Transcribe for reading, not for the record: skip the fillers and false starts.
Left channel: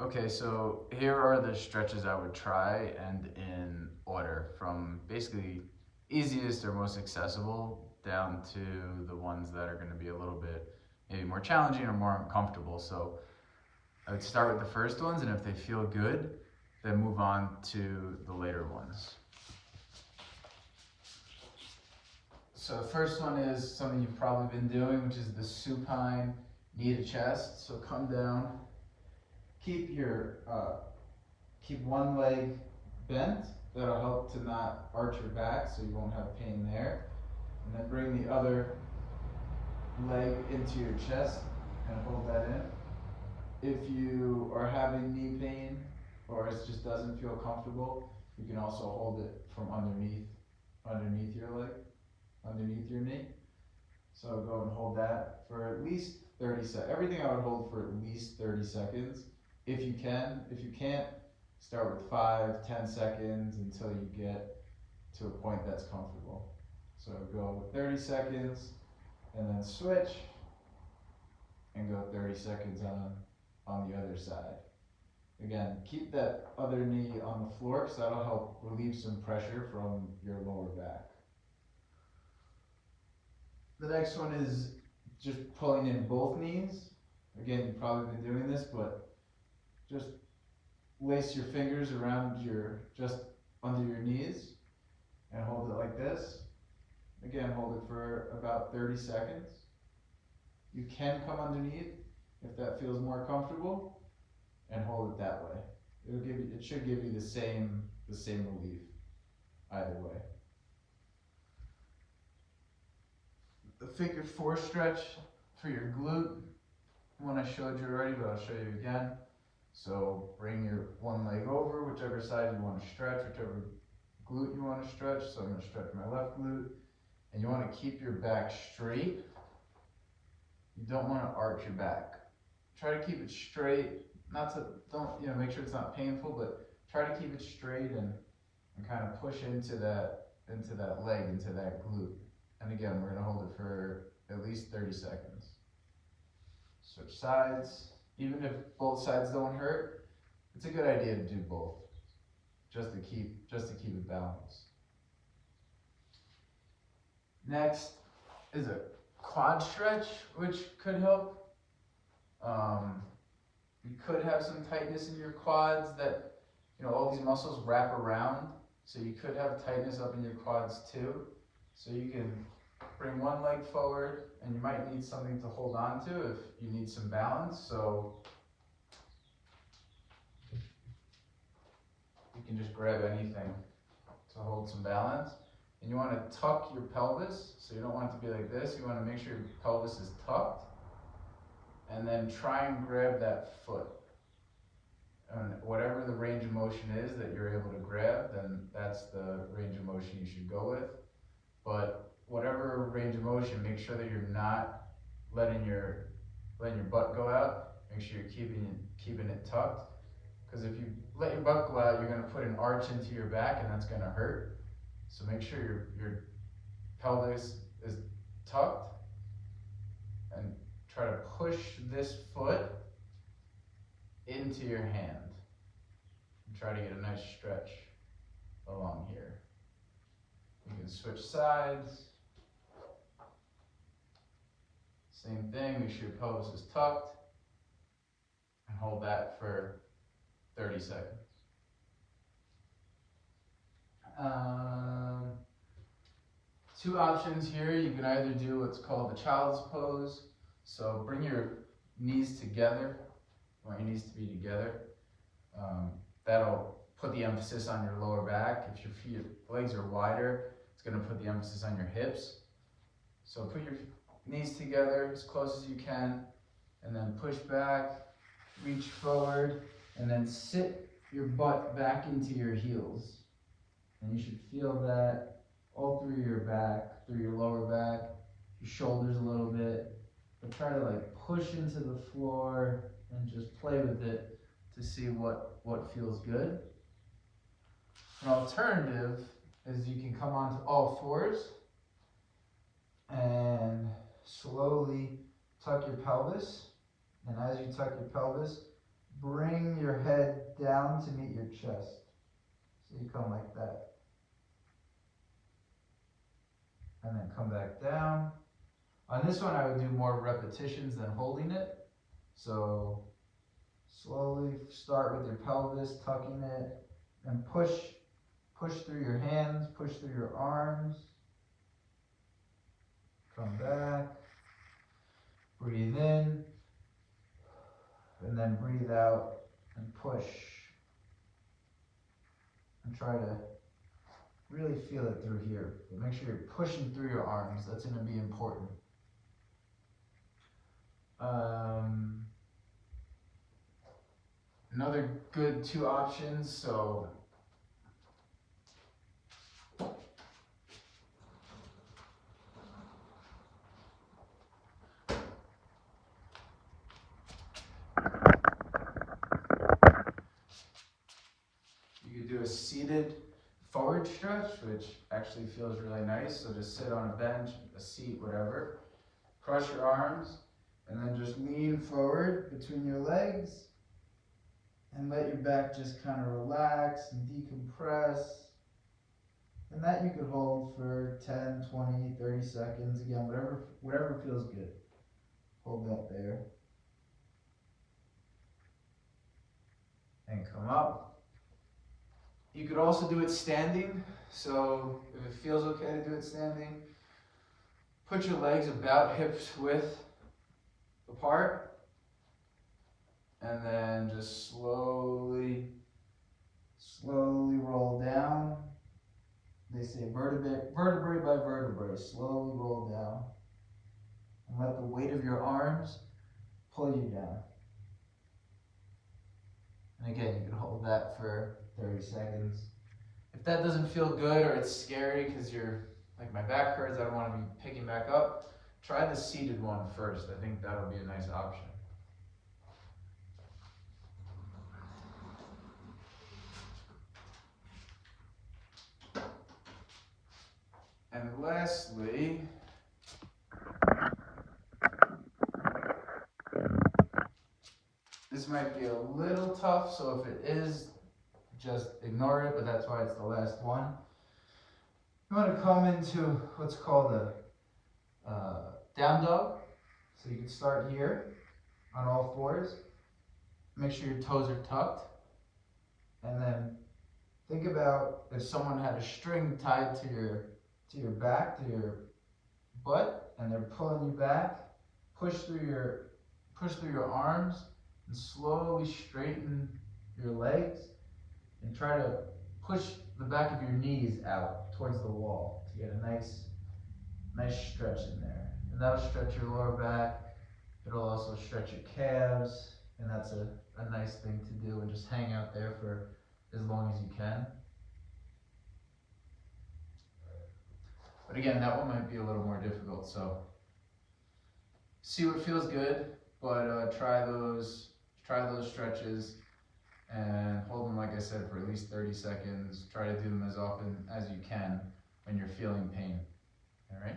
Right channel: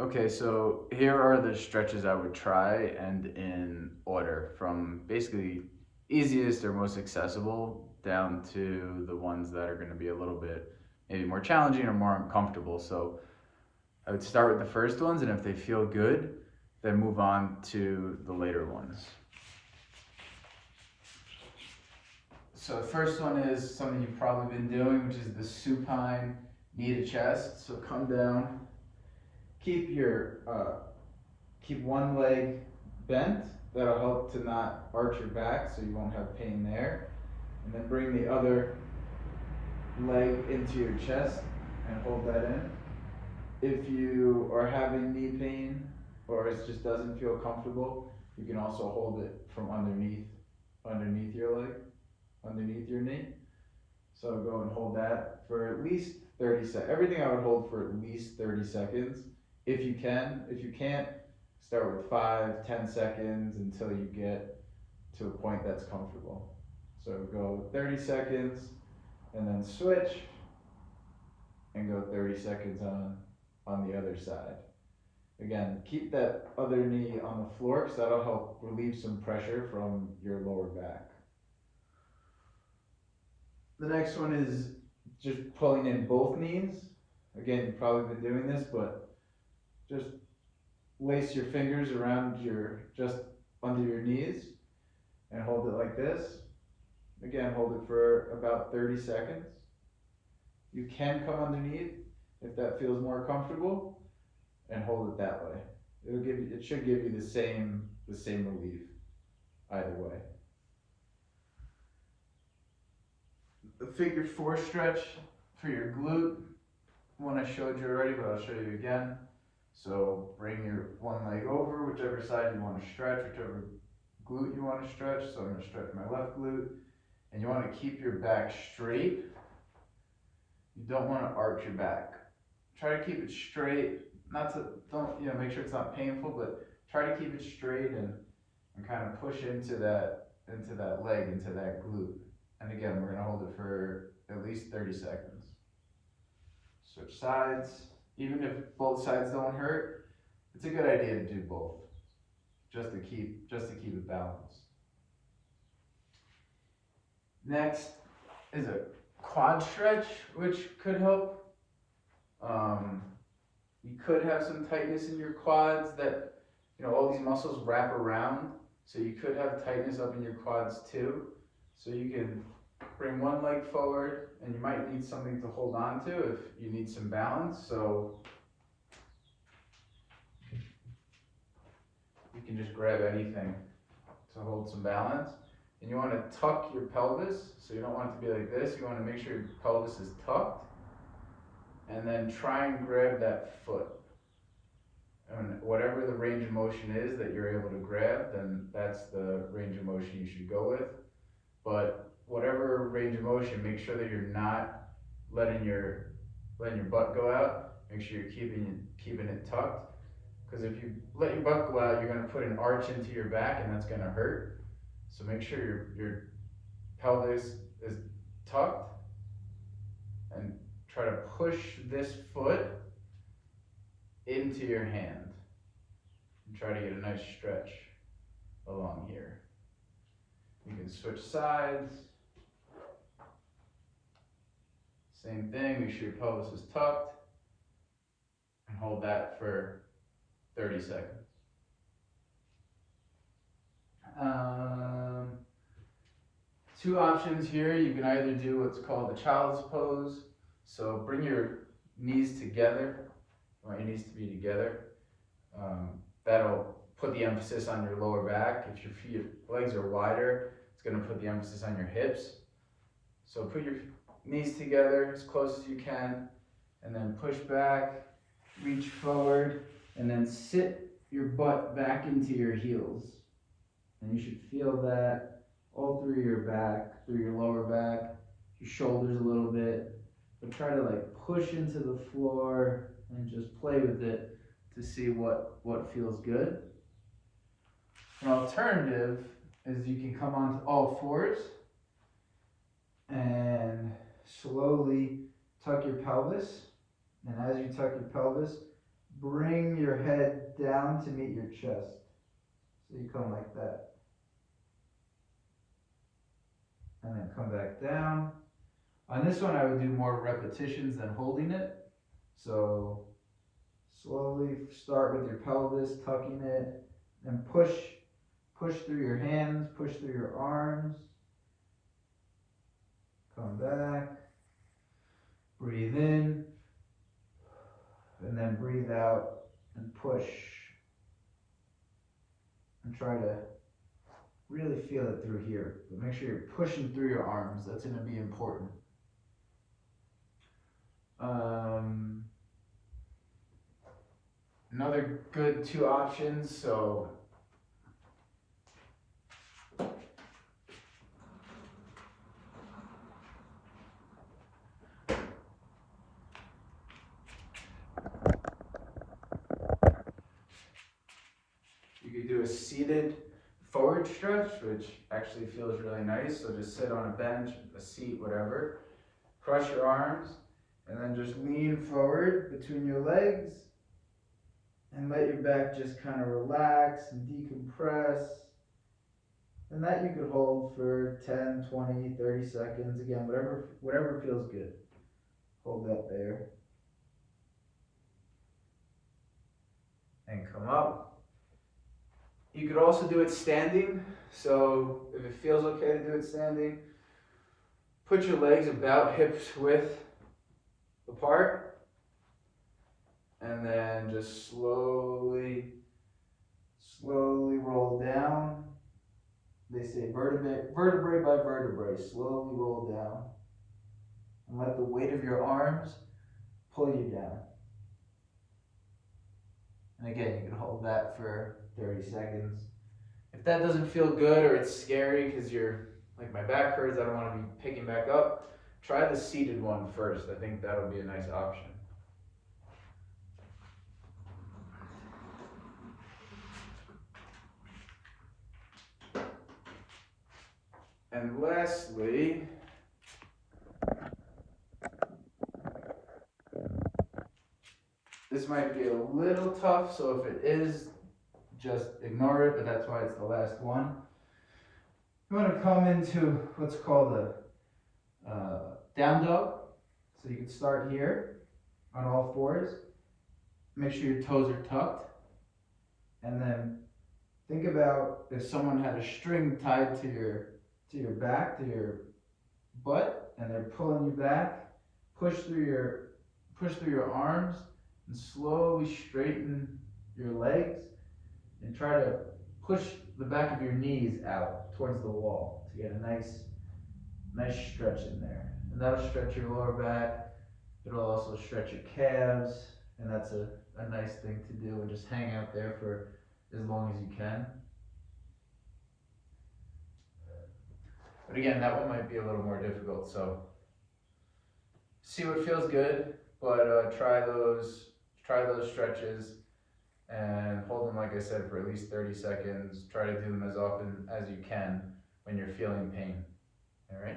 Okay, so here are the stretches I would try and in order from basically easiest or most accessible down to the ones that are going to be a little bit maybe more challenging or more uncomfortable. So I would start with the first ones, and if they feel good, then move on to the later ones. So the first one is something you've probably been doing, which is the supine knee to chest. So come down, keep your keep one leg bent. That'll help to not arch your back, so you won't have pain there. And then bring the other leg into your chest and hold that in. If you are having knee pain or it just doesn't feel comfortable, you can also hold it from underneath your leg, underneath your knee. So go and hold that for at least 30 seconds. Everything I would hold for at least 30 seconds if you can. If you can't, start with 5, 10 seconds until you get to a point that's comfortable. So go 30 seconds and then switch and go 30 seconds on the other side. Again, keep that other knee on the floor because that'll help relieve some pressure from your lower back. The next one is just pulling in both knees. Again, you've probably been doing this, but just lace your fingers around just under your knees and hold it like this. Again, hold it for about 30 seconds. You can come underneath if that feels more comfortable and hold it that way. It should give you the same relief either way. The figure 4 stretch for your glute, one I showed you already, but I'll show you again. So bring your one leg over, whichever side you want to stretch, whichever glute you want to stretch. So I'm going to stretch my left glute, and you want to keep your back straight. You don't want to arch your back. Try to keep it straight. Make sure it's not painful, but try to keep it straight and kind of push into that leg, into that glute. And again, we're going to hold it for at least 30 seconds. Switch sides. Even if both sides don't hurt, it's a good idea to do both, just to keep it balanced. Next is a quad stretch, which could help. You could have some tightness in your quads that, all these muscles wrap around, so you could have tightness up in your quads too. So you can bring one leg forward, and you might need something to hold on to if you need some balance. So you can just grab anything to hold some balance. And you want to tuck your pelvis, so you don't want it to be like this. You want to make sure your pelvis is tucked, and then try and grab that foot. And whatever the range of motion is that you're able to grab, then that's the range of motion you should go with. But whatever range of motion, make sure that you're not letting your butt go out. Make sure you're keeping it tucked. Because if you let your butt go out, you're going to put an arch into your back, and that's going to hurt. So make sure your pelvis is tucked, and try to push this foot into your hand. And try to get a nice stretch along here. You can switch sides. Same thing, make sure your pelvis is tucked, and hold that for 30 seconds. Two options here. You can either do what's called the child's pose. So bring your knees together. You want your knees to be together. That'll put the emphasis on your lower back. If your legs are wider, it's going to put the emphasis on your hips. So put your knees together as close as you can, and then push back, reach forward, and then sit your butt back into your heels. And you should feel that all through your back, through your lower back, your shoulders a little bit. But try to push into the floor and just play with it to see what feels good. An alternative is you can come onto all fours and slowly tuck your pelvis. And as you tuck your pelvis, bring your down to meet your chest. So you come like that. And then come back down. On this one, I would do more repetitions than holding it. So slowly start with your pelvis, tucking it, and push through your hands, push through your arms. Come back, breathe in, and then breathe out and push. And try to really feel it through here. But make sure you're pushing through your arms. That's going to be important. Another good 2 options. So you could do a seated forward stretch, which actually feels really nice. So just sit on a bench, a seat, whatever. Cross your arms, and then just lean forward between your legs, and let your back just kind of relax and decompress. And that you could hold for 10, 20, 30 seconds. Again, whatever feels good. Hold that there. And come up. You could also do it standing. So if it feels okay to do it standing, put your legs about hips width apart. And then just slowly roll down. They say vertebrae by vertebrae, slowly roll down. And let the weight of your arms pull you down. And again, you can hold that for 30 seconds. If that doesn't feel good or it's scary because you're, like my back hurts, I don't want to be picking back up, try the seated one first. I think that'll be a nice option. And lastly, this might be a little tough, so if it is, just ignore it, but that's why it's the last one. You want to come into what's called a down dog. So you can start here on all fours. Make sure your toes are tucked. And then think about if someone had a string tied to your back, to your butt, and they're pulling you back. Push through your arms and slowly straighten your legs and try to push the back of your knees out towards the wall to get a nice stretch in there. And that'll stretch your lower back. It'll also stretch your calves, and that's a nice thing to do, and just hang out there for as long as you can. But again, that one might be a little more difficult, so see what feels good, but try those stretches and hold them, like I said, for at least 30 seconds. Try to do them as often as you can when you're feeling pain. All right?